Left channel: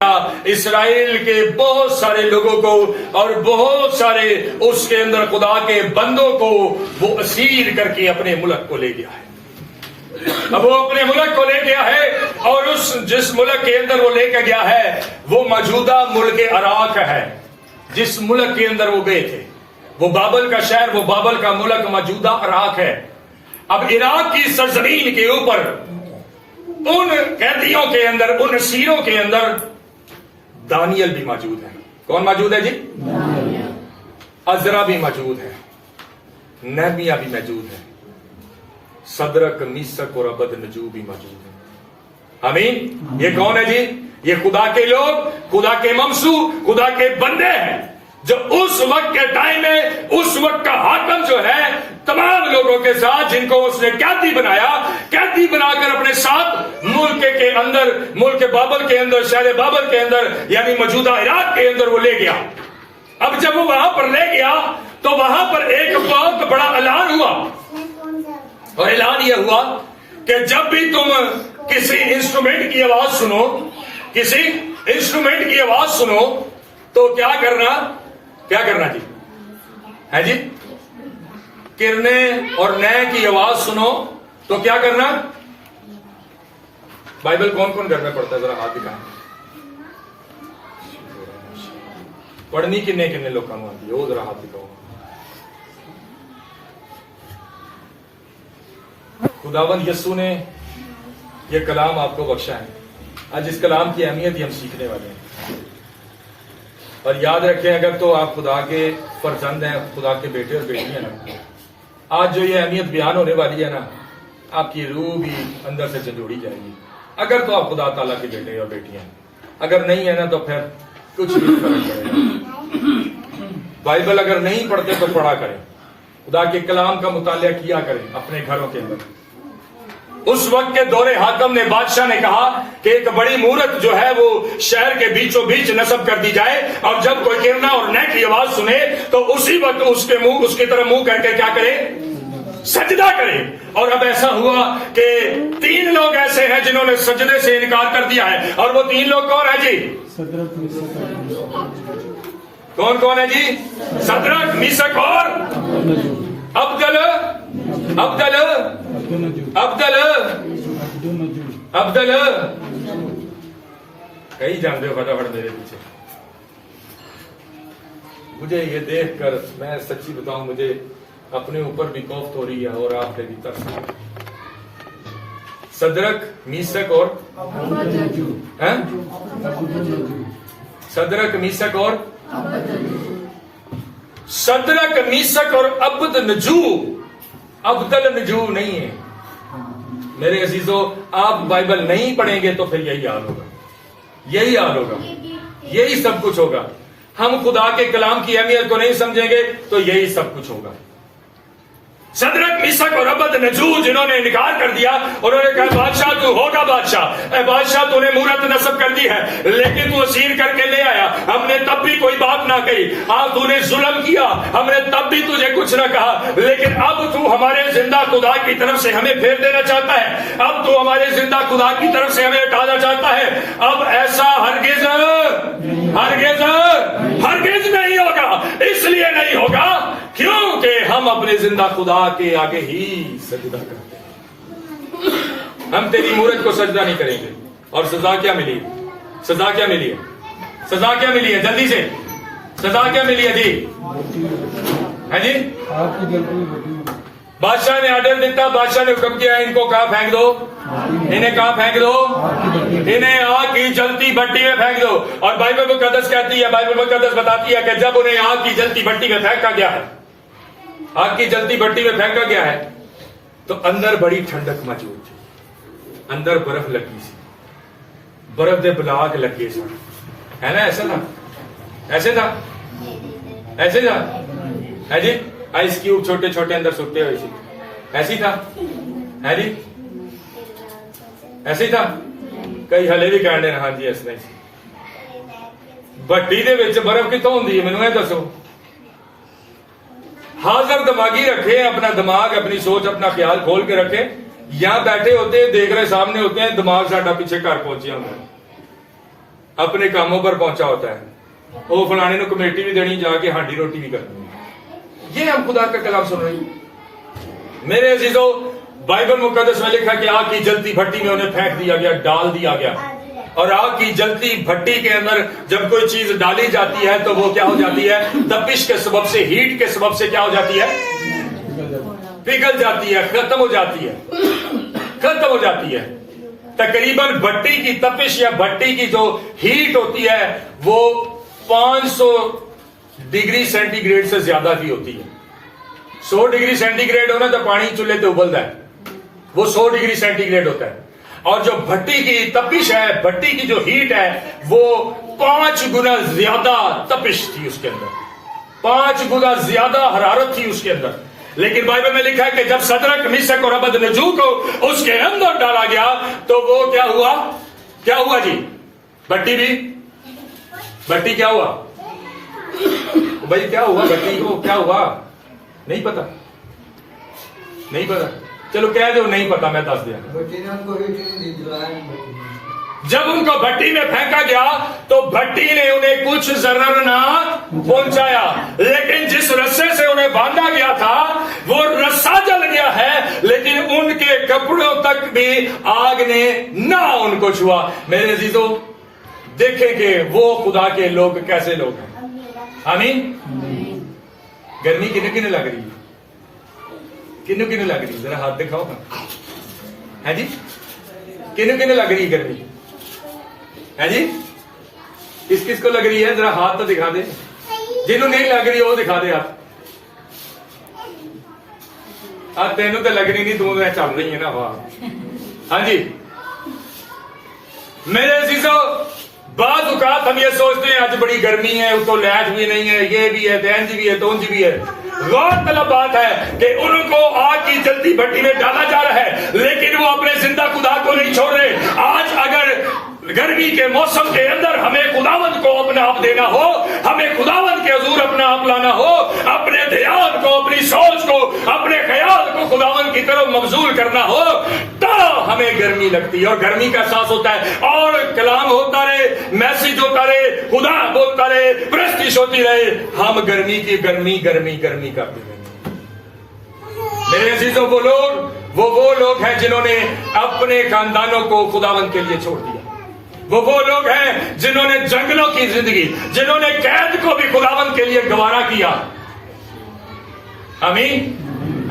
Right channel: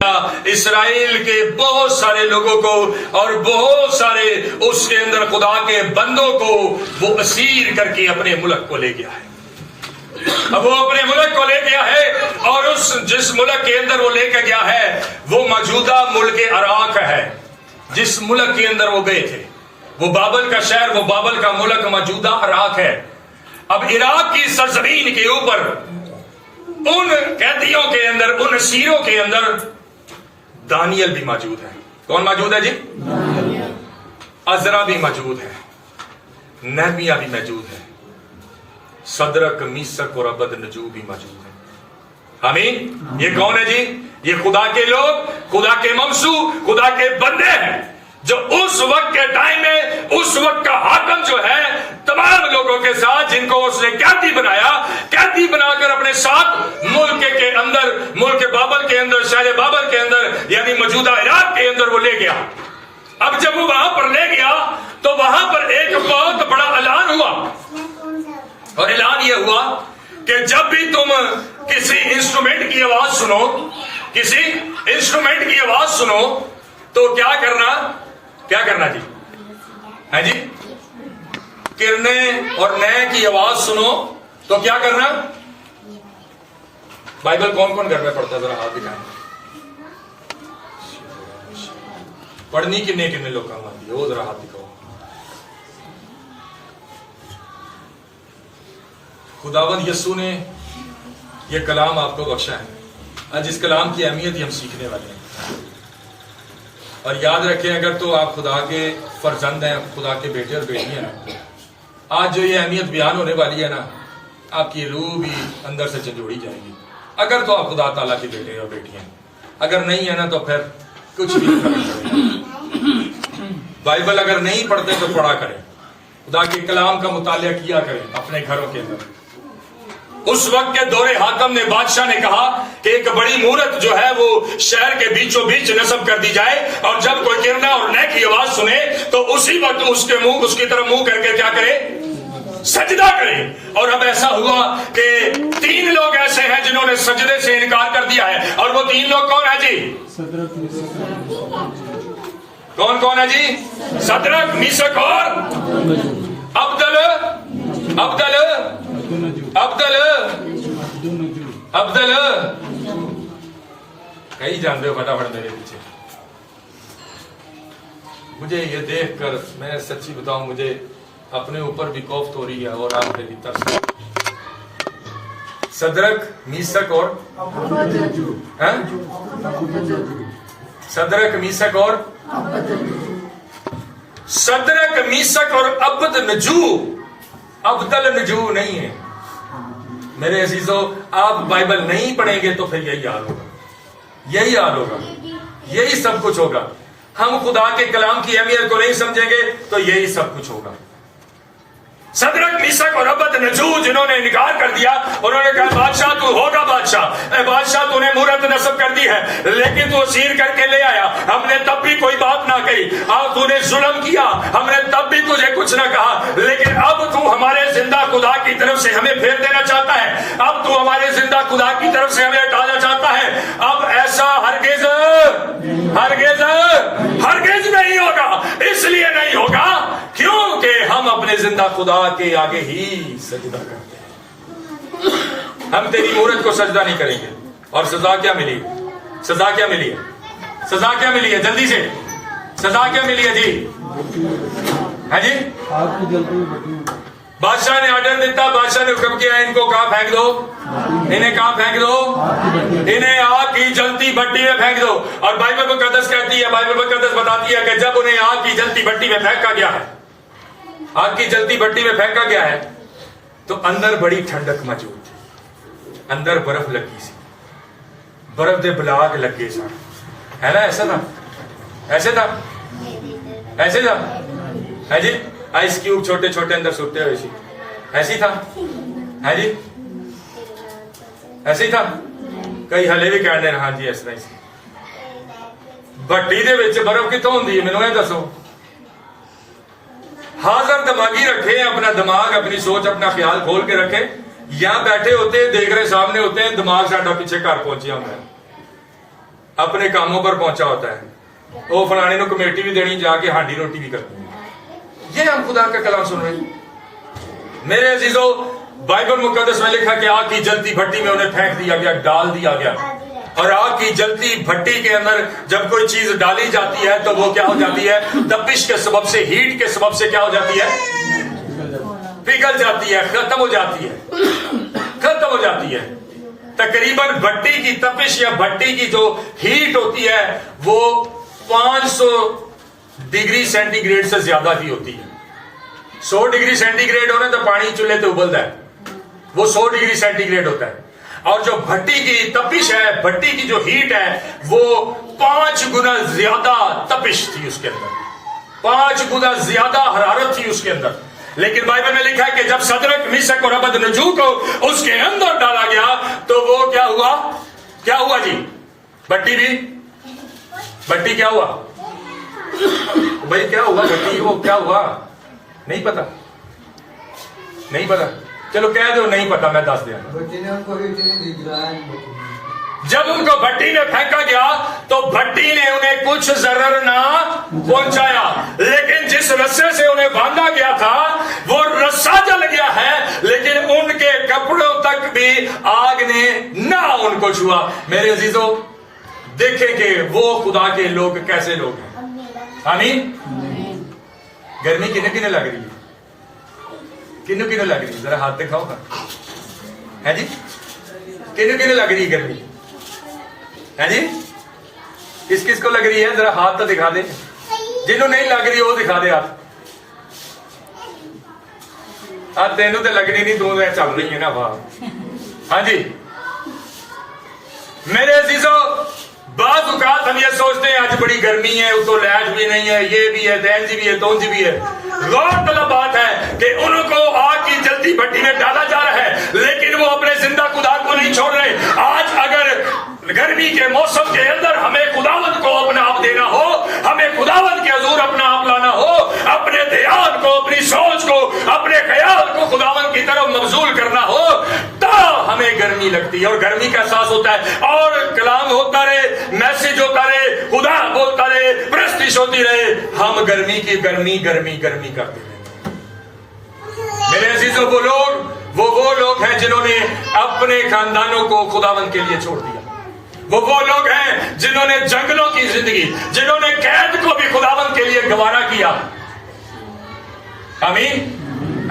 اسرائیل کے بہت سارے لوگوں کو اور بہت سارے اس کے اندر خدا کے بندوں کو وہ اسیر کر کے اپنے ملک کو لے گیا ہے. اب وہ اپنے ملک کو لے گیا ہے اور اس جس ملک کے اندر وہ لے کے گیا ہے وہ موجودہ ملک عراق ہے. جس ملک کے اندر وہ گئے تھے وہ بابل کا شہر، وہ بابل کا ملک موجودہ عراق ہے. اب عراق کی سرزمین کے اوپر ان قیدیوں کے اندر، ان اسیروں کے اندر دانیل بھی موجود ہے. کون موجود ہے جی؟ عزرا بھی موجود ہے، نہمیہ بھی موجود ہے، صدرک میثق اور عبدنجو بھی موجود ہے. آمین. یہ کون ہے جی؟ یہ خدا کے لوگ، خدا کے ممسو، خدا کے بندے ہیں جو اس وقت کے ٹائم میں اس وقت کا حاکم جو ہے تمام لوگوں کے ساتھ، جن کو اس نے قیدی بنایا، قیدی بنا کر اپنے ساتھ ملک کے اندر، ملک بابل کے اندر، شہر بابل کے اندر یعنی موجودہ عراق کے اندر وہ لے گیا. اب جب وہ وہاں پر لے گیا تو وہاں پر ایک بہت بڑا اعلان ہوا، اور اعلان یہ ہوا کہ جب بھی تم کسی انسٹرومنٹ کی آواز سنو، کسی انسٹرومنٹ کی آواز سنو تو کیا کرنا جی؟ ہے جی؟ کرنے اور نئے کی آواز سنو تو کیا کرنا؟ بائبل کون کون گھر میں پڑھتا ہے؟ ذرا ہاتھ دکھائیں. پڑھنی کنے لوگ کام آتی ہے؟ وہ ذرا ہاتھ دکھاؤ. خداوند یسوع نے یہ کلام آپ کو بخشا ہے. آج اس کلام کی اہمیت ہی ہم سیکھنے والے ہیں. اور یاد رکھیں، اگر تو آپ خدا کے فرزند ہیں، خدا کے بیٹے اور بیٹی ہیں، آج جو یہ اہمیت بیان ہونے والی ہے نا، آپ کی روح بھی اندر سے جھنجھوڑی جائے گی. اگر تو آپ خدا تعالیٰ کے بیٹے اور بیٹی ہیں، اگر نہیں ہے نا تو پھر کچھ بھی فرق پڑے گا. بائبل اگر نہیں پڑھتے تو پڑھا کریں، خدا کے کلام کا مطالعہ کیا کریں اپنے گھروں کے اندر. اس وقت کے دور حاکم نے، بادشاہ نے کہا کہ ایک بڑی مورت جو ہے وہ شہر کے بیچوں بیچ نصب کر دی جائے، اور جب کوئی کرنا اور نہ کی آواز سنے تو اسی وقت اس کی طرف منہ کر کے کیا کرے؟ سجدہ کرے. اور اب ایسا ہوا کہ 3 لوگ ایسے ہیں جنہوں نے سجدے سے انکار کر دیا ہے. اور وہ 3 لوگ کون ہیں جی؟ کون ہے جی؟ صدرک، میثق اور عبدل کئی جانتے ہو فٹافٹ میرے پیچھے. مجھے یہ دیکھ کر، میں سچی بتاؤں، مجھے اپنے اوپر بھی کوفت ہو رہی ہے اور آپ پہ بھی ترس. صدرک، میثق اور صدرک، میثق اور صدرک، میثق اور عبدنجو. عبدالنجو نہیں ہے میرے عزیزو. آپ بائبل نہیں پڑھیں گے تو پھر یہی حال ہوگا، یہی حال ہوگا، یہی سب کچھ ہوگا. ہم خدا کے کلام کی اہمیت کو نہیں سمجھیں گے تو یہی سب کچھ ہوگا. صدرک، میثق اور عبدنجو جنہوں نے انکار کر دیا، انہوں نے کہا بادشاہ تو ہوگا بادشاہ، اے بادشاہ تو نے مورت نصب کر دی ہے لیکن تو اسیر کر کے لے آیا، ہم نے تب بھی کوئی بات نہ کہی. تو نے ظلم کیا، ہم نے تب بھی تجھے کچھ نہ کہا، لیکن اب تو ہمارے زندہ خدا کی طرف سے ہمیں پھیر دینا چاہتا ہے، اب تو ہمارے زندہ خدا کی طرف سے ہمیں ہٹانا چاہتا ہے. اب ایسا ہرگز نہیں ہوگا. اس لیے نہیں ہوگا کیونکہ ہم اپنے زندہ خدا کے آگے ہی سجدہ کرتے ہیں. ہم تیری مورت کو سجدہ نہیں کریں گے. اور سزا کیا ملی؟ سزا کیا ملی ہے؟ جلدی سے سزا کیا ملی ہے جی؟ ہے جی؟ بادشاہ نے آرڈر دیتا، بادشاہ نے حکم کیا ان کو کہاں پھینک دو، انہیں کہاں پھینک دو، انہیں آگ کی جلتی بھٹی میں پھینک دو. اور بائبل مقدس کہتی ہے، بائبل مقدس بتاتی ہے کہ جب انہیں آگ کی جلتی بھٹی میں پھینکا گیا ہے، آگ کی جلتی بھٹی میں پھینکا گیا ہے، تو اندر بڑی ٹھنڈک موجود تھی. اندر برف لگی سی، برف دے بلاگ لگے سا، ہے نا؟ ایسا تھا ہے جی؟ آئس کیوب چھوٹے چھوٹے اندر سوٹے ہوئے سی، ایسی تھا ہے جی؟ ایسے ہی تھا. کئی ہلے بھی کہنے ہاں جی اس طرح سی. بھٹی دے وچ برف کتوں ہوندی ہے؟ مینوں یہ دسو. حاضر دماغی رکھے، اپنا دماغ، اپنی سوچ، اپنا خیال کھول کے رکھے. یہاں بیٹھے ہوتے ہیں، دیکھ رہے سامنے ہوتے ہیں، دماغ ساڈا پیچھے گھر پہنچیا ہوتا ہے. अपने कामों पर पहुंचा होता है, वो फलाने को कमेटी भी देनी, जाके हांडी रोटी भी करनी है। ये हम खुदा का कलाम सुन रहे हैं। मेरे अजीजों, बाइबल मुकद्दस में लिखा कि आग की जलती भट्टी में उन्हें फेंक दिया गया, डाल दिया गया। और आग की जलती भट्टी के अंदर जब कोई चीज डाली जाती है तो वो क्या हो जाती है? तपिश के सबब से, हीट के सबब से क्या हो जाती है? पिघल जाती है, खत्म हो जाती है, खत्म हो जाती है। तकरीबन भट्टी की तपिश या भट्टी की जो हीट होती है वो 500 डिग्री सेंटीग्रेड से ज्यादा की होती है। 100 डिग्री सेंटीग्रेड होना तो पानी चूल्हे पे उबलता है, वो 100 डिग्री सेंटीग्रेड होता है। और जो भट्टी की तपिश है, भट्टी की जो हीट है, वो 5 गुना ज्यादा तपिश थी उसके अंदर, 5 गुना ज्यादा हरारत थी उसके अंदर। लेकिन बाइबल में लिखा है कि जब सदरक, मिशक और अबदनजू को उसके अंदर डाला गया तो वो क्या हुआ? क्या हुआ जी? भट्टी क्या हुआ भाई? क्या हुआ भट्टी को? क्या हुआ? नहीं पता, नहीं पता। चलो कह दो नहीं पता, मैं दस दिया। जब उनको भट्टी में फेंका गया तो भट्टी ने उन्हें कुछ जरर ना पहुंचाया, लेकिन जिस रस्से से उन्हें बांधा गया था वो रस्सा जल गया है, लेकिन उनके कपड़ों तक भी आग ने ना उनको छुआ। मेरे अजीजों, देखें कि वो खुदा के लोग कैसे लोग हैं। आमीन। गर्मी किने किने लग रही है? किन्नु किन्नु लग रही है? जरा हाथ दिखाओ है जी। किन्नु किन्नु लग रही है गर्मी? है जी? किस किस को लग रही है? जरा हाथ तो दिखा दे। जिन्हों नहीं लग रही वो दिखा दे आप। तेनू तो लगनी नहीं, तू चल रही है ना। वाह। हाँ जी मेरे अजीजों, बात औकात हम ये सोचते हैं आज बड़ी गर्मी है, तो लैट भी नहीं है, ये भी है, तैंज भी है, तोंज भी है। गौरतलब बात है कि उनको आग की जलती भट्टी में डाला जा रहा है, लेकिन वो अपने जिंदा खुदा को नहीं छोड़ रहे। आज अगर गर्मी के मौसम के अंदर हमें खुदावंद को अपना आप देना हो, हमें खुदावंद के हुजूर अपना आप लाना हो, अपने ध्यान को, अपनी सोच को, अपने ख्याल को खुदावंद की तरफ मबजूल करना हो, तो हमें गर्मी लगती है और गर्मी का एहसास होता है। और कलाम होता रहे, मैसेज होता रहे, खुदा बोलता रहे, प्रस्तिश होती रहे, हम गर्मी की गर्मी गर्मी गर्मी करते रहे। मेरे अजीजों, वो लोग हैं जिन्होंने अपने खानदानों को खुदावंद के लिए छोड़ दिया। वो लोग हैं जिन्होंने जंगलों की जिंदगी, जिन्होंने कैद को भी खुदावंद के लिए गवारा किया। आमीन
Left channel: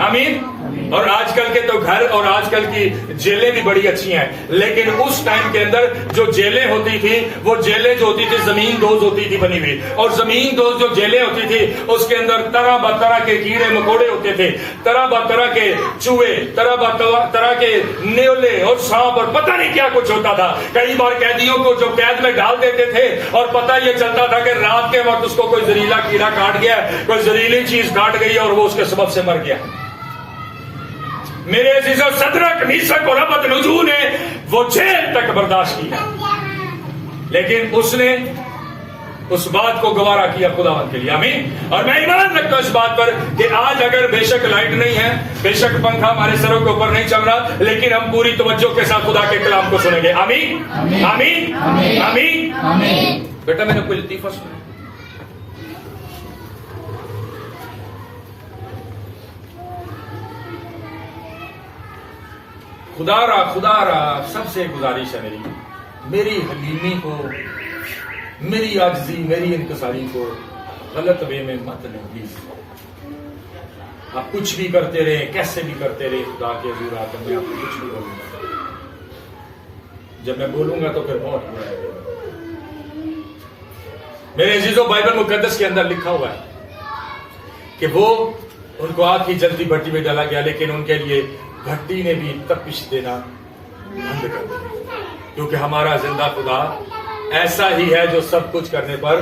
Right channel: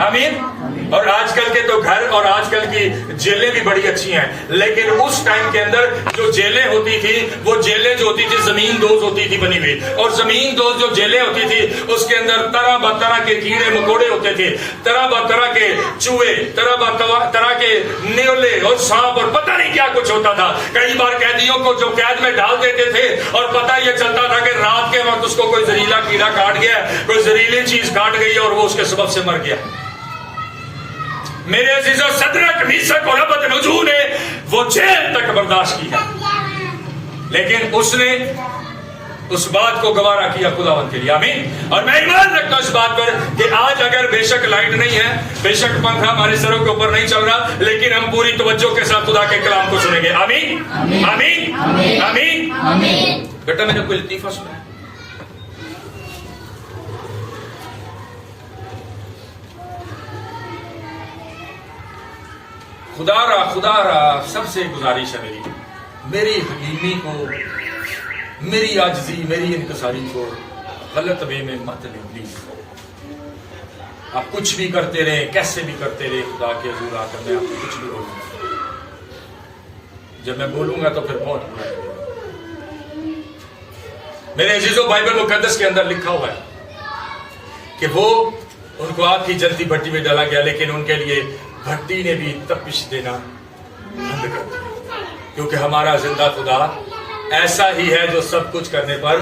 आमीन। और आजकल के तो घर और आजकल की जेलें भी बड़ी अच्छी हैं, लेकिन उस टाइम के अंदर जो जेलें होती थी, वो जेलें जो होती थी जमीन दोज होती थी बनी हुई। और जमीन दोज जो जेलें होती थी उसके अंदर तरह तरह के कीड़े मकोड़े होते थे, तरह तरह के चूहे, तरह के नेवले और सांप और पता नहीं क्या कुछ होता था। कई बार कैदियों को जो कैद में डाल देते थे और पता ये चलता था कि रात के वक्त उसको कोई जहरीला कीड़ा काट गया, कोई जहरीली चीज काट गई और वो उसके सबब से मर गया। मेरे अजीजों, सदरक, मीशक और अबदनजू ने वो जेल तक बर्दाश्त की है, लेकिन उसने उस बात को गवारा किया खुदावंद के लिए। आमीन। और मैं ईमान रखता हूं इस बात पर कि आज अगर बेशक लाइट नहीं है, बेशक पंखा हमारे सरों के ऊपर नहीं चल रहा, लेकिन हम पूरी तवज्जो के साथ खुदा के कलाम को सुनेंगे। आमीन आमीन आमीन आमीन। बेटा मैंने कोई लतीफा सुना, खुदा रा सबसे गुजारिश है मेरी हलीमी को, मेरी आजजी, मेरी इनकसारी को गलत वे में मत लें प्लीज। आप कुछ भी करते रहे, कैसे भी करते रहे, खुदा के हुजूर आकर मैं आपको कुछ भी बोलूंगा। जब मैं बोलूंगा तो फिर बहुत बुरा है। मेरे अजीजों, बाइबल मुकद्दस के अंदर लिखा हुआ है कि वो उनको आग की जलती भट्टी में डाला गया, लेकिन उनके लिए भट्टी ने भी तपिश देना बंद कर दिया, क्योंकि हमारा जिंदा खुदा ऐसा ही है जो सब कुछ करने पर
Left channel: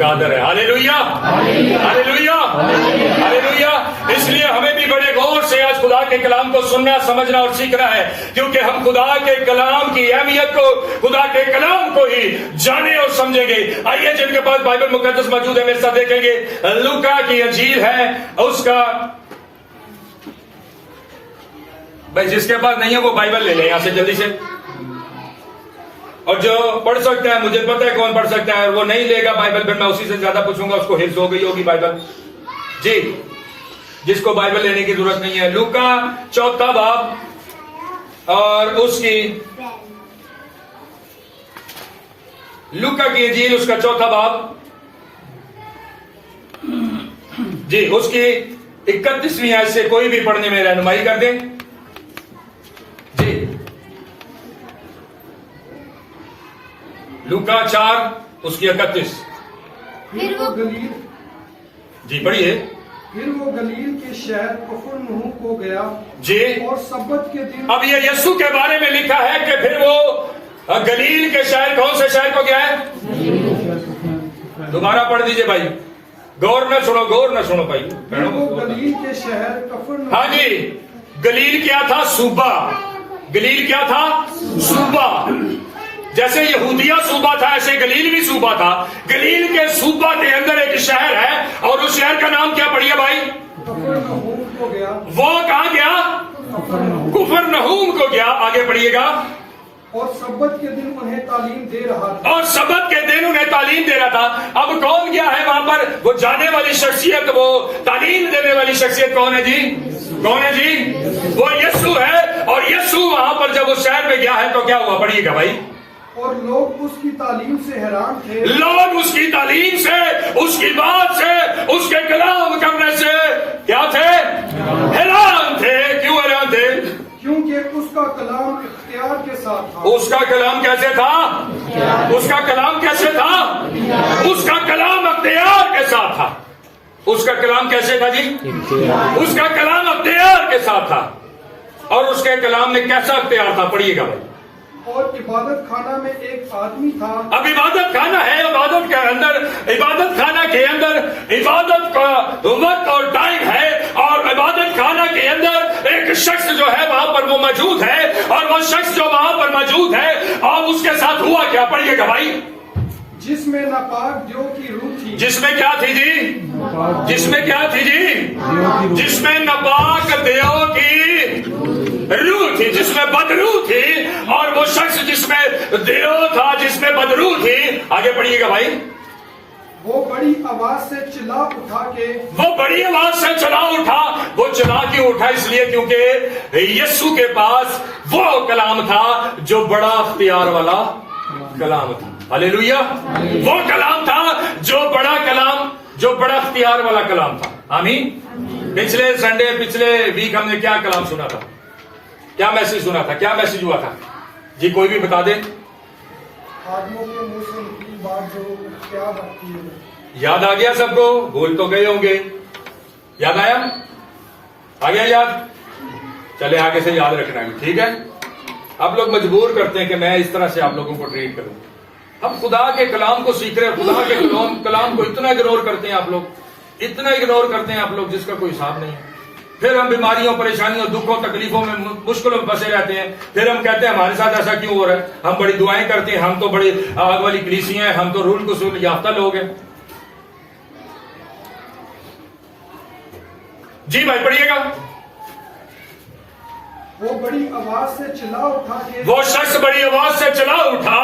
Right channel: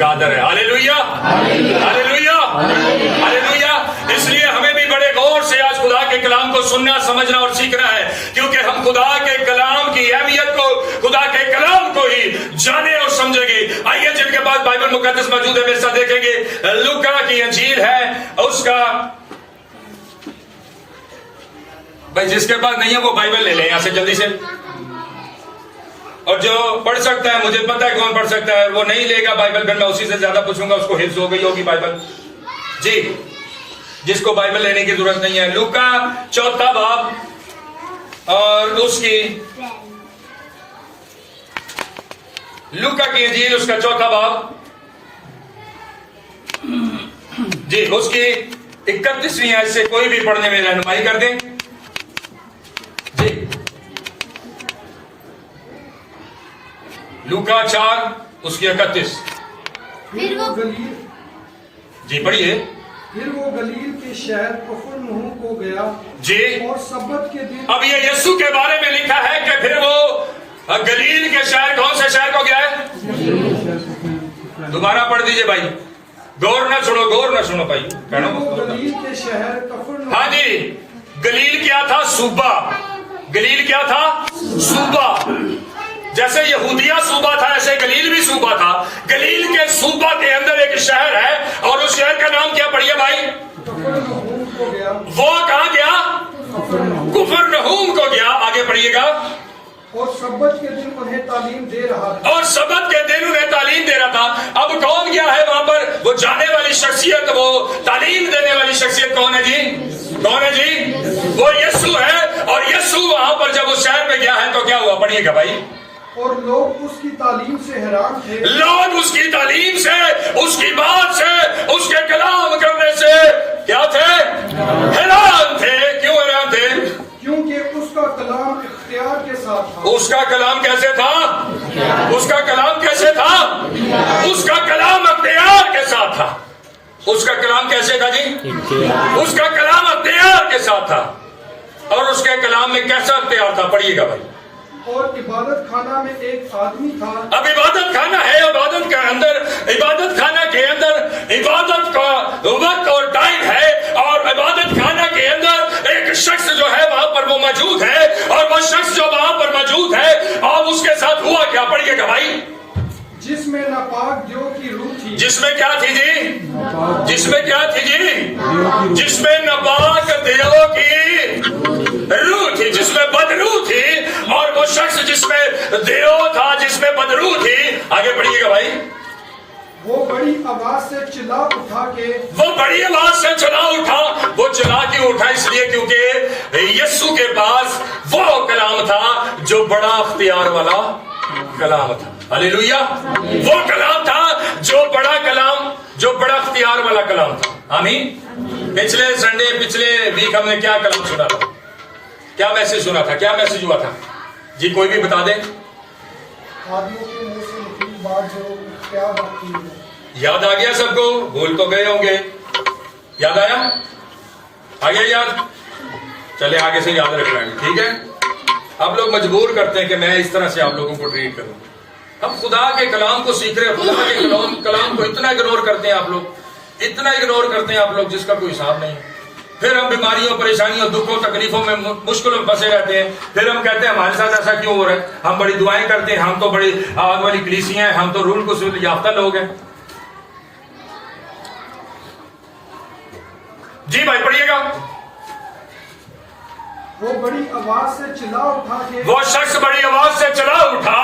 कादर है। Hallelujah hallelujah hallelujah. इसलिए हमें भी बड़े गौर से आज खुदा के कलाम को सुनना, समझना और सीखना है, क्योंकि हम खुदा के कलाम की अहमियत को, खुदा के कलाम को ही जाने और समझेंगे। आइए, जिनके पास बाइबल मुकद्दस मौजूद है मेरे साथ देखेंगे, लूका की अंजील है उसका, भाई जिसके पास नहीं है वो बाइबल ले ले यहां से जल्दी से। اور جو پڑھ سکتا ہے, مجھے پتا ہے کون پڑھ سکتا ہے, وہ نہیں لے گا بائبل, پھر میں اسی سے زیادہ پوچھوں گا اس کو حفظ ہو گئی ہوگی بائبل. جی, جس کو بائبل لینے کی ضرورت نہیں ہے. لوکا 4 باب اور اس کی لوکا کی انجیل اس کا 4 باب, جی اس کی 31ویں آیت سے کوئی بھی پڑھنے میں رہنمائی کر دیں. جی لوکا 4 اس کی 31. پھر وہ گلیل جی پڑھیے. پھر وہ گلیل کے شہر کفرنہوم کو گیا جی, اور سبت کے دن. اب یہ یسوع کے بارے میں لکھا ہے کہ پھر وہ گلیل کے شہر, کون سے شہر کو گیا ہے؟ دوبارہ پڑھ دیجئے بھائی, غور نہ سنو بھائی. پھر وہ گلیل کے شہر کفرنہوم. ہاں جی, گلیل کیا تھا؟ صوبہ. گلیل کیا تھا؟ صوبہ. جیسے یہودیہ صوبہ تھا ایسے گلیل بھی صوبہ تھا. گلیل کے صوبہ کے اندر ایک شہر ہے اور اس شہر کا نام کیا پڑھیے بھائی؟ کفرنہوم کو گیا. وہ کہاں گیا؟ کفرنہوم کو گیا. آگے پڑھیے گا. اور سبت کے دن انہیں تعلیم دے رہا تھا. اور سبت کے دن انہیں تعلیم دے رہا تھا. اب کون گیا ہے وہاں پر؟ وہ جانے والی شخصیت, وہ تعلیم دینے والی شخصیت کون ہے جی؟ کون ہے جی؟ وہ یسوع ہے. اور یسوع وہاں پر جب اس شہر میں گیا ہے تو کیا ہوا؟ پڑھیے گا بھائی. اور لوگ اس کی تعلیم سے حیران تھے. لوگ اس کی تعلیم سے, اس کی بات سے, اس کے کلام کرنے سے کیا تھے؟ حیران تھے. کیوں حیران تھے؟ کیونکہ اس کا کلام اختیار کے ساتھ تھا. اس کا کلام کیسے تھا؟ اس کا کلام کیسے تھا؟ اس کا کلام اختیار کے ساتھ تھا. اس کا کلام کیسے تھا جی؟ اس کا کلام اختیار کے ساتھ تھا. اور اس کے کلام میں کیسا اختیار تھا؟ پڑھیے گا بھائی. اور عبادت خانہ میں ایک آدمی تھا. اب عبادت خانہ ہے, عبادت کے اندر, عبادت خانہ کے اندر عبادت کا وقت اور ٹائم ہے, اور عبادت خانہ کے اندر ایک شخص جو ہے وہاں پر وہ موجود ہے, اور وہ شخص جو وہاں پر موجود ہے, اور اس کے ساتھ ہوا کیا؟ پڑھیے گا بھائی. جس میں ناپاک دیو کی روح تھی. جس میں کیا تھی جی؟ جس میں کیا تھی جی؟ جس میں ناپاک دیو کی روح تھی, جس میں بدروح تھی. اور وہ شخص جس میں دیو تھا, جس میں بدروح تھی. آگے پڑھیے گا بھائی. وہ بڑی آواز سے چلا اٹھا کے. وہ بڑی آواز سے چلا اٹھا. وہ چلا کیوں اٹھا؟ اس لیے کیونکہ یسوع کے پاس وہ کلام تھا جو بڑا اختیار والا کلام تھا. ہلیلویا. وہ کلام تھا جو بڑا کلام, جو بڑا اختیار والا کلام تھا. آمین. پچھلے سنڈے, پچھلے ویک ہم نے کیا کلام سنا تھا؟ کیا میسج سنا تھا؟ کیا میسج ہوا تھا جی؟ کوئی بھی بتا دے. آدمیوں کے منہ سے نکلی بات جو پیار رکھتی ہے. یاد آ گیا سب کو؟ بھول تو گئے ہوں گے. یاد آیا؟ آ گیا یاد؟ چلے آگے سے یاد رکھ لیں گے, ٹھیک ہے. اب لوگ مجبور کرتے ہیں کہ میں اس طرح سے آپ لوگوں کو ٹریٹ کروں. ہم خدا کے کلام کو سیکھ رہے ہیں, خدا کے کلام کو اتنا اگنور کرتے ہیں آپ لوگ, اتنا اگنور کرتے ہیں آپ لوگ جس کا کوئی حساب نہیں. پھر ہم بیماریوں, پریشانیوں, دکھوں, تکلیفوں میں, مشکلوں میں پھنسے رہتے ہیں. پھر ہم کہتے ہیں ہمارے ساتھ ایسا کیوں ہو رہا ہے؟ ہم بڑی دعائیں کرتے ہیں, ہم تو بڑی آگ والی کلیسیاں ہیں, ہم تو رول کو یافتہ لوگ ہیں. جی بھائی پڑھیے گا. وہ بڑی آواز سے چلا اٹھا کے. وہ شخص بڑی آواز سے چلا اٹھا.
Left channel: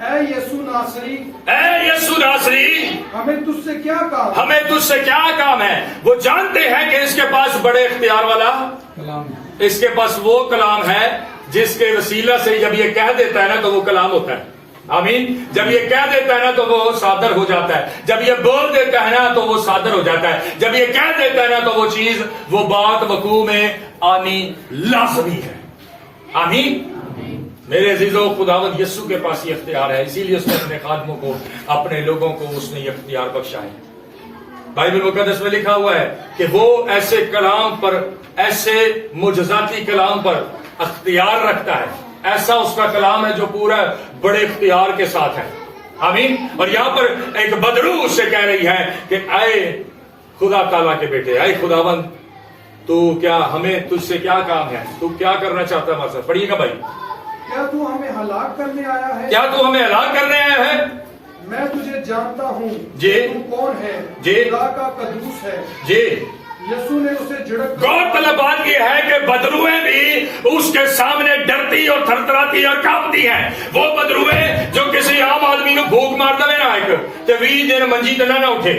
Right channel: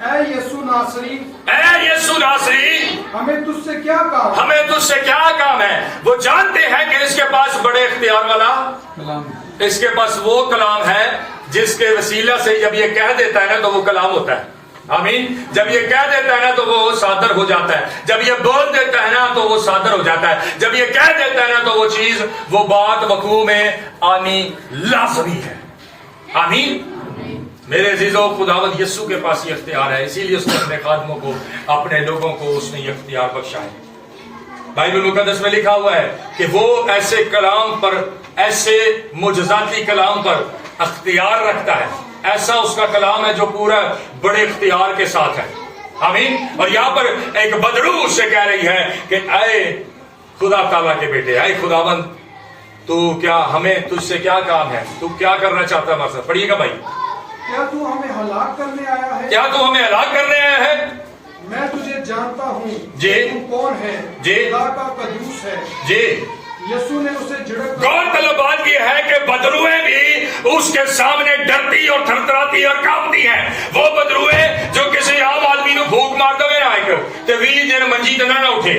اے یسوع ناصری, اے یسوع ناصری, ہمیں تجھ سے کیا کام؟ ہمیں تجھ سے کیا کام ہے؟ وہ جانتے ہیں کہ اس کے پاس بڑے اختیار والا کلام, اس کے پاس وہ کلام ہے جس کے وسیلہ سے جب یہ کہہ دیتا ہے نا تو وہ کلام ہوتا ہے. آمین. جب یہ کہہ دیتا ہے نا تو وہ صادر ہو جاتا ہے. جب یہ بول دیتا ہے نا تو وہ صادر ہو جاتا ہے. جب یہ کہہ دیتا ہے نا تو وہ چیز, وہ بات وقوع میں آنی لازمی ہے. آمین. میرے عزیزوں, خداوند یسوع کے پاس یہ اختیار ہے, اسی لیے اس نے اپنے خادموں کو, اپنے لوگوں کو اس نے یہ اختیار بخشا ہے. بائبل مقدس میں لکھا ہوا ہے کہ وہ ایسے کلام پر, ایسے معجزاتی کلام پر اختیار رکھتا ہے. ایسا اس کا کلام ہے جو پورا بڑے اختیار کے ساتھ ہے. آمین. اور یہاں پر ایک بدروح سے کہہ رہی ہے کہ اے خدا تعالیٰ کے بیٹے, اے خداوند, تو کیا ہمیں تجھ سے کیا کام ہے؟ تو کیا کرنا چاہتا ہے ہمارے ساتھ؟ پڑھیے گا بھائی. کیا تو ہمیں ہلاک کرنے آیا ہے؟ کیا تو ہمیں ہلاک کرنے آیا ہے؟ میں تجھے جانتا ہوں جی. تو کون ہے؟ جی. خدا کا قدوس ہے. جی. यीशु ने उसे झिड़क गौरतलब बात यह है कि बदरुएं भी उसके सामने डरती और थरथराती और कांपती हैं। वो बदरुएं जो किसी आम आदमी ਨੂੰ भूख मार दवे ना एक ते 20 दिन मंजी ਤੇ ਨਾ ਉੱਠੇ,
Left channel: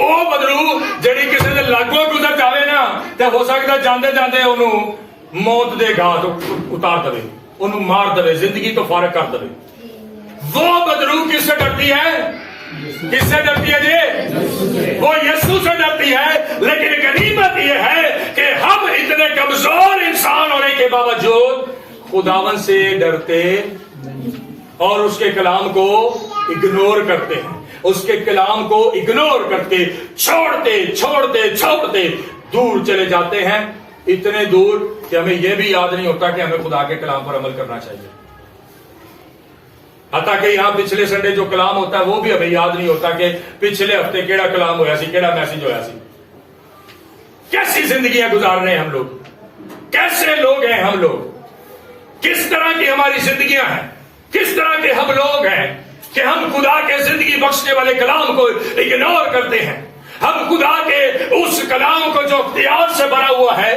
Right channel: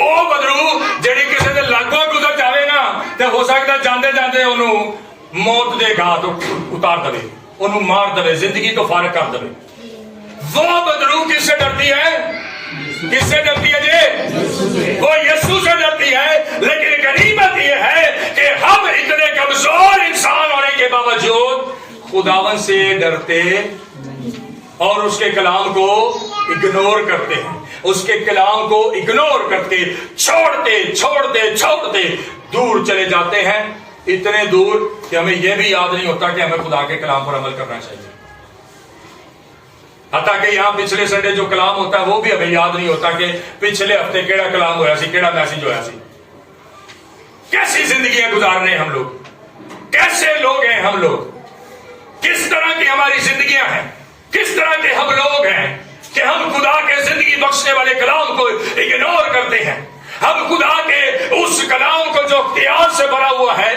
ਉਹ ਬਦਰੂ ਜਿਹੜੀ ਕਿਸੇ ਦੇ ਲਾਗੋਂ ਗੁਜ਼ਰ ਜਾਵੇ ਨਾ ਤੇ ਹੋ ਸਕਦਾ ਜਾਂਦੇ ਜਾਂਦੇ ਉਹਨੂੰ ਮੌਤ ਦੇ ਘਾਟ ਉਤਾਰ ਦੇਵੇ, ਉਹਨੂੰ ਮਾਰ ਦੇਵੇ, ਜ਼ਿੰਦਗੀ ਤੋਂ ਫਾਰਗ ਕਰ ਦੇਵੇ। वो बदरू किससे डरती है? किससे डरती है जी? वो यीशु से डरती है। लेकिन गनीमत ये है कि हम इतने कमजोर इंसान होने के बावजूद खुदावन से डरते और उसके कलाम को इग्नोर करते हैं, उसके कलाम को इग्नोर करके छोड़ते छोड़ते छोड़ते दूर चले जाते हैं, इतने दूर कि हमें यह भी याद नहीं होता कि हमें खुदा के कलाम पर अमल करना चाहिए। हालांकि यहाँ पिछले संडे जो कलाम होता है वो भी हमें याद नहीं होता कि पिछले हफ्ते केड़ा कलाम होया सी, केड़ा मैसेज होया सी। कैसी जिंदगियां गुजार रहे हैं हम लोग, कैसे लोग हैं हम लोग, किस तरह की हमारी जिंदगियां हैं, किस तरह के हम लोग हैं कि हम खुदा के जिंदगी बख्शने वाले कलाम को इग्नोर करते हैं। हम खुदा के उस कलाम को जो इख्तियार से भरा हुआ है,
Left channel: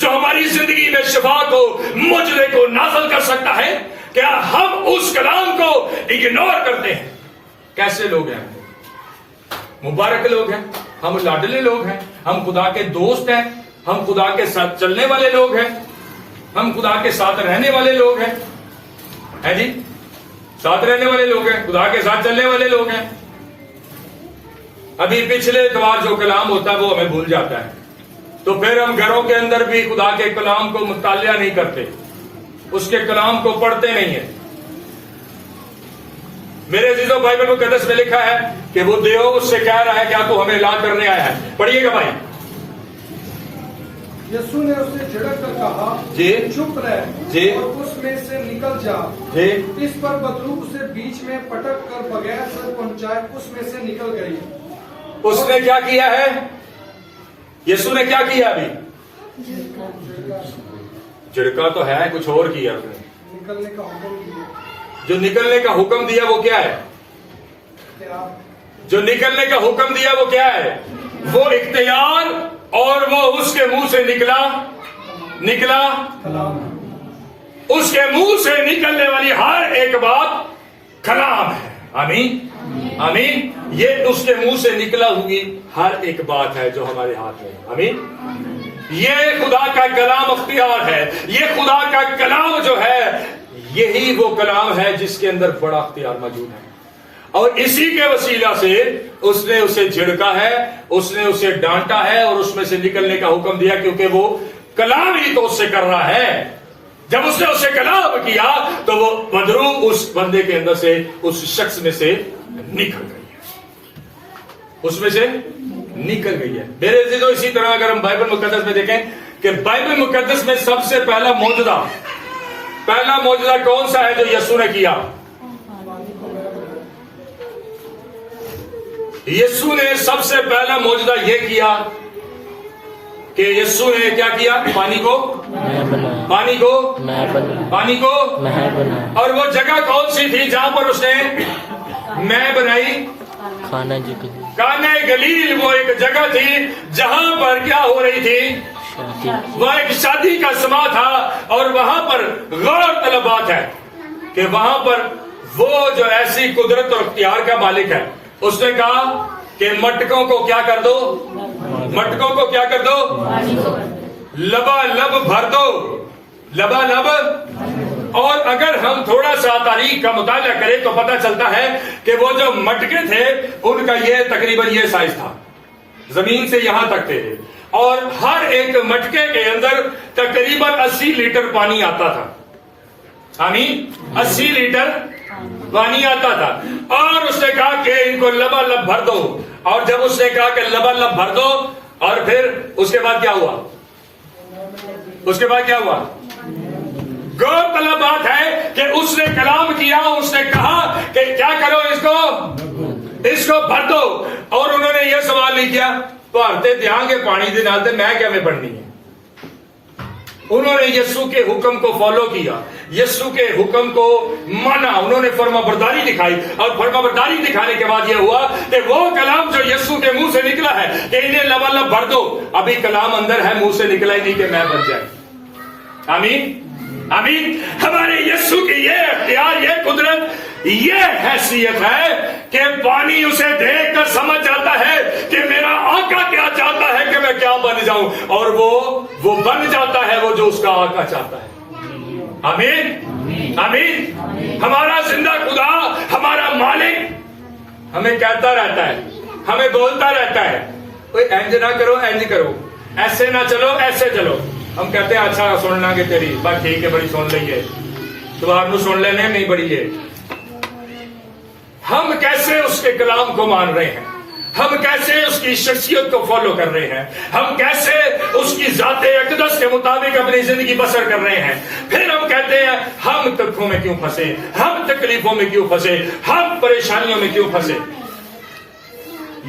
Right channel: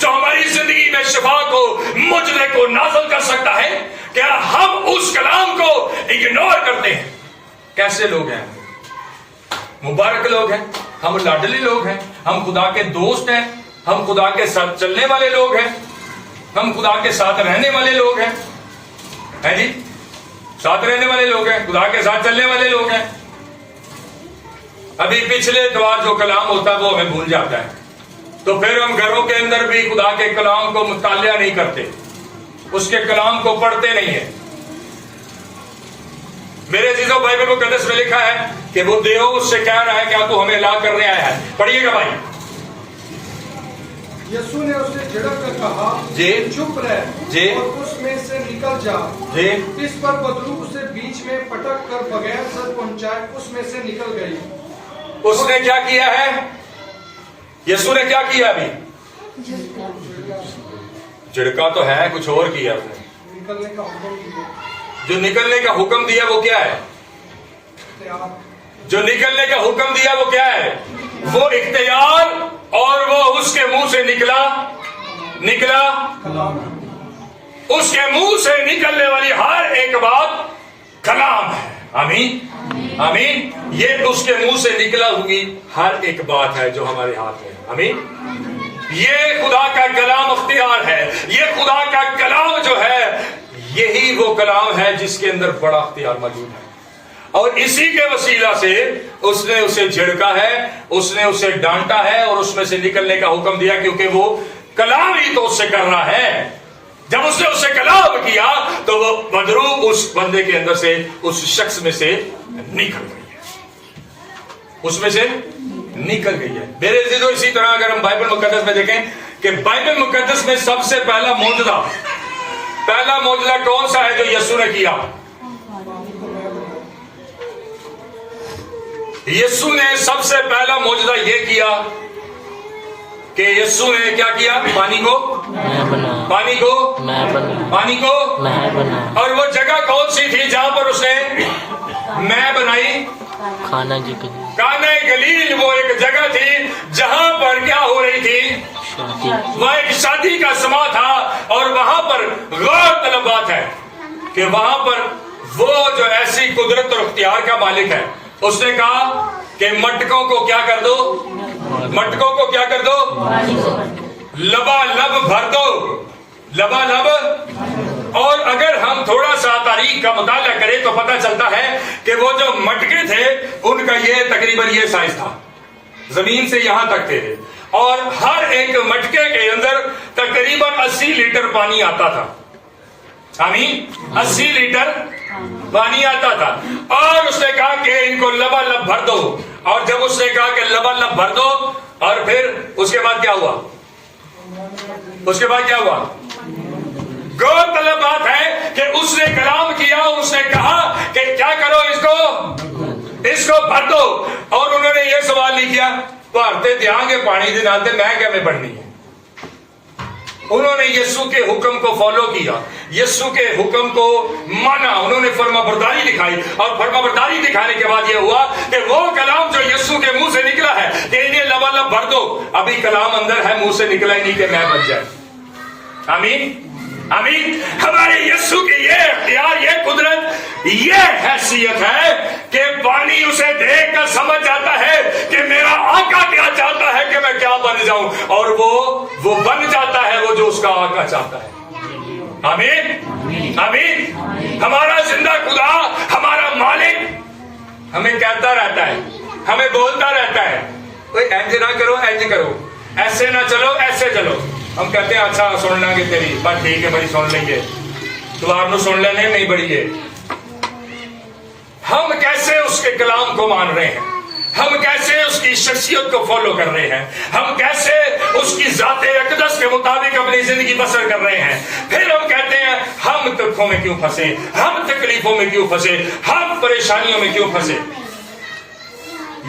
जो हमारी जिंदगी में शिफा को मुजरे को नाज़िल कर सकता है, क्या हम उस कलाम को इग्नोर करते हैं? कैसे लोग हैं? मुबारक लोग हैं, हम लाडले लोग हैं, हम खुदा के दोस्त हैं, हम खुदा के साथ चलने वाले लोग हैं, हम खुदा के साथ रहने वाले लोग हैं, है जी, साथ रहने वाले लोग हैं, खुदा के साथ चलने वाले लोग हैं। अभी पिछले द्वार जो कलाम होता है वो हमें भूल जाता है, तो फिर हम घरों के अंदर भी खुदा के कलाम को मुतालिया नहीं करते, उसके कलाम को पढ़ते नहीं है। मेरे अजीजों, बाइबल मुकद्दस में लिखा है कि वो देव उससे कह रहा है क्या तू हमें ला करने आया है। पढ़िएगा भाई। यीशु ने उसे झिड़क कर कहा, जी, चुप रह जी, और उसमें से निकल जा। जी। इस पर बदरू उसे बीच में पटक कर बगैर सर पहुंचाए उसमें से निकल गई। उसने क्या किया है? यीशु ने क्या किया? अभी झिड़का तो है, कुछ और किया उसने। निकलने का हुक्म दिया। जो निकलने का हुक्म दिया वो क्या है? जो निकलने का हुक्म दिया वो क्या है? वो इख्तियार, और वो उसके मुंह से निकला कलाम। उसके मुंह से निकलने वाली हर एक बात कलाम है। आमीन, आमीन। ये उसके मुंह से निकला हुई हर एक बात है जो हमारे हाथ में है। आमीन। ये खुदा का कलाम अख्तियार है, ये खुदा का कलाम जो है यही वो कलाम है जिसके अंदर बड़ा अख्तियार मौजूद है। और इसी के वसीला से उसने उसे झिड़का है, उसने उसे डांटा है और उसमें से निकलने का हुक्म दिया, क्योंकि वो कलाम ही तो उससे कर रहा है। जब उसने उसे कलाम किया तो वो बदरू उस बंदे के अंदर से, उस शख्स में से निकल गई है, उसमें से निकल गई है। मेरे अजीजों, इसी तरह अगर हम बाइबल मुकद्दस में देखें कि बाइबल मुकद्दस में सबसे पहला मौजूदा कौन सा है जो यीशु ने किया? यीशु ने सबसे पहला मौजूदा ये किया कि यीशु ने क्या किया? पानी को और वो जगह कौन सी थी जहां पर उसने मैं बनाई? काना गलील। वो एक जगह थी जहां पर क्या हो रही थी? वह एक शादी का समा था। और वहां पर गौर तलब बात है कि वहां पर वो जो ऐसी कुदरत और इख्तियार का मालिक है, उसने कहा कि मटकों को क्या कर दो? मटकों को क्या कर दो? लबालब भर दो, लबालब। और अगर हम थोड़ा सा तारीख का मुताला करें तो पता चलता है कि वो जो मटके थे उनका ये तकरीबन ये साइज था, जमीन से यहां तक थे, और हर एक मटके के अंदर तकरीबन 80 लीटर पानी आता था। आमीन, 80 लीटर पानी आता था। और उसने कहा कि इनको लबालब भर दो। और जब उसने कहा कि लबालब भर दो, और फिर उसके बाद क्या हुआ? गौरतलब बात है कि उसने कलाम किया, उसने कहा कि क्या करो, इसको भर दो। और उन्होंने ये सवाल नहीं किया, भारते देंगे पानी के नाल, मैं क्या में बढ़नी है? उन्होंने यीशु के हुक्म को फॉलो किया, यीशु के हुक्म को माना, उन्होंने फर्माबरदारी दिखाई। और फर्माबरदारी दिखाने के बाद यह हुआ कि वो कलाम जो यीशु के मुंह से निकला है कि इन्हें लबालब भर दो, अभी कलाम अंदर है, मुंह से निकला ही नहीं कि मैं बन जाए। आमीन आमीन। हमारे यीशु की ये अख्तियार, ये कुदरत, ये हैसियत है कि पानी उसे देख कर समझ जाता है कि मेरा आका क्या चाहता है कि मैं क्या बन जाऊं, और वो बन जाता है वो जो उसका आका चाहता है। आमीन आमीन। हमारा जिंदा खुदा, हमारा मालिक हमें कहता रहता है, हमें बोलता रहता है, कोई इंज ना करो, इंज करो, ऐसे ना चलो, ऐसे चलो। हम कहते हैं अच्छा सुनना कि तेरी बात ठीक है, बड़ी सुन लेंगे, तुम्हारे सुन लेने नहीं बड़ी है। हम कैसे उसके कलाम को मान रहे हैं, हम कैसे उसकी शख्सियत को फॉलो कर रहे हैं, हम कैसे उसकी ज़ाते अक़दस के मुताबिक अपनी जिंदगी बसर कर रहे हैं। फिर हम कहते हैं हम तकलीफों में क्यों फंसे, हम तकलीफों में क्यों फंसे, हम परेशानियों में क्यों फंसे।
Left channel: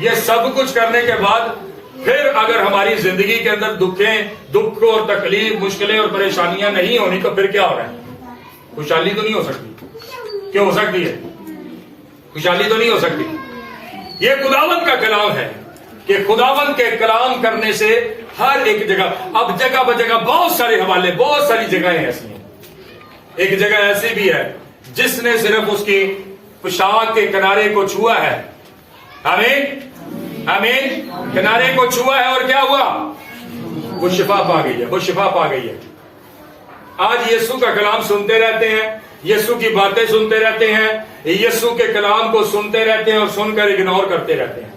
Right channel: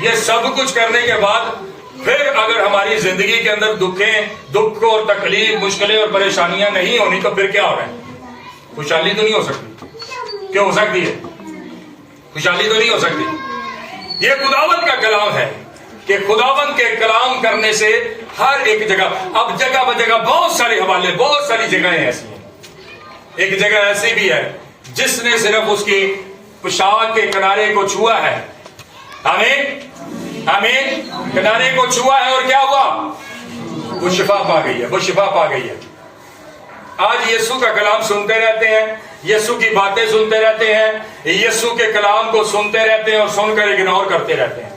ये सब कुछ करने के बाद फिर अगर हमारी जिंदगी के अंदर दुख और तकलीफ, मुश्किलें और परेशानियां नहीं होनी, तो फिर क्या हो रहा है? खुशहाली तो नहीं हो सकती। क्यों हो सकती है? खुशहाली तो नहीं हो सकती। ये खुदावंद का कलाम है कि खुदावंद के कलाम करने से हर एक जगह, अब जगह ब जगह बहुत सारे हवाले, बहुत सारी जगहें ऐसी हैं। एक जगह ऐसी भी है जिसने सिर्फ उसकी पोशाक के किनारे को छुआ है, आमीन आमीन, किनारे को छुआ है, और क्या हुआ? वो शिफा पा गई है, वो शिफा पा गई है। आज यीशु का कलाम सुनते रहते हैं, यीशु की बातें सुनते रहते हैं, यीशु के कलाम को सुनते रहते हैं और सुनकर इग्नोर करते रहते हैं,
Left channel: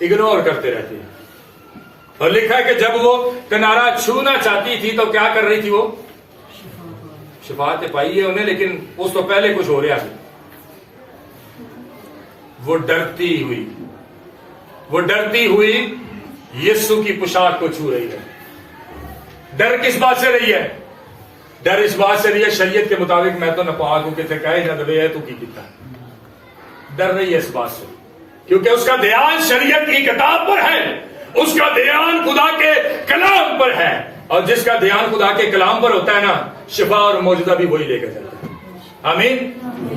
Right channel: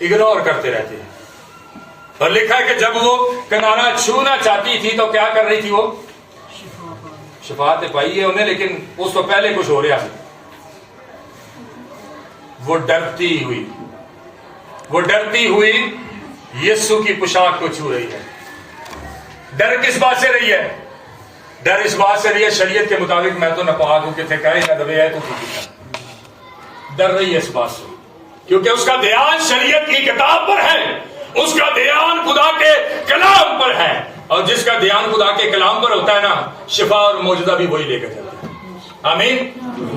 इग्नोर करते रहते हैं। और लिखा है कि जब वो किनारा छूना चाहती थी तो क्या कर रही थी? वो शिफा तो पाई है उन्हें, लेकिन उस तो पहले कुछ हो रहा है। वो डरती हुई यीशु की पोशाक को छू रही है। डर किस बात से रही है? डर इस बात से रही है शरीयत के मुताबिक मैं तो नापाक हूं, कितने कहे ना दबे है तो ठीक। डर रही है इस बात से क्योंकि उसका ध्यान शरीयत की किताब पर है, उसका ध्यान खुदा के कलाम पर है, और जिसका ध्यान खुदा के कलाम पर होता है ना, शिफा और मौजूदा भी वही लेकर जाता है। आमीन।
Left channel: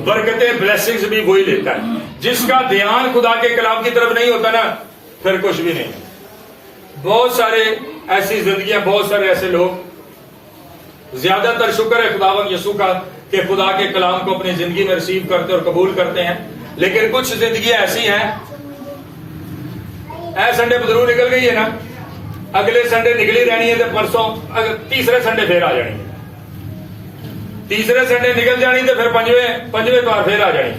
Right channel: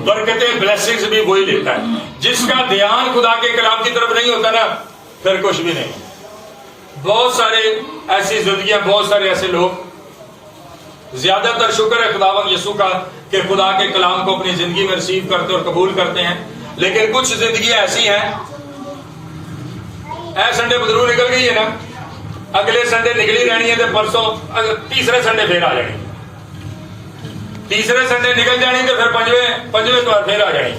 बरकतें, ब्लेसिंग्स भी वही लेता है। जिसका ध्यान खुदा के कलाम की तरफ नहीं होता ना, फिर कुछ भी नहीं। बहुत सारे ऐसी जिंदगियां, बहुत सारे ऐसे लोग, ज्यादातर शुक्र है खुदावंद यीशु का कि खुदा के कलाम को अपनी जिंदगी में रिसीव करते और कबूल करते हैं, लेकिन कुछ जिंदगियां ऐसी हैं, संडे बदरू निकल गई है ना, अगले संडे निकली रहनी है, तो परसों तीसरे संडे फिर आ जानी, तीसरे संडे निकल जानी, तो फिर पंजवें बार फिर आ जानी।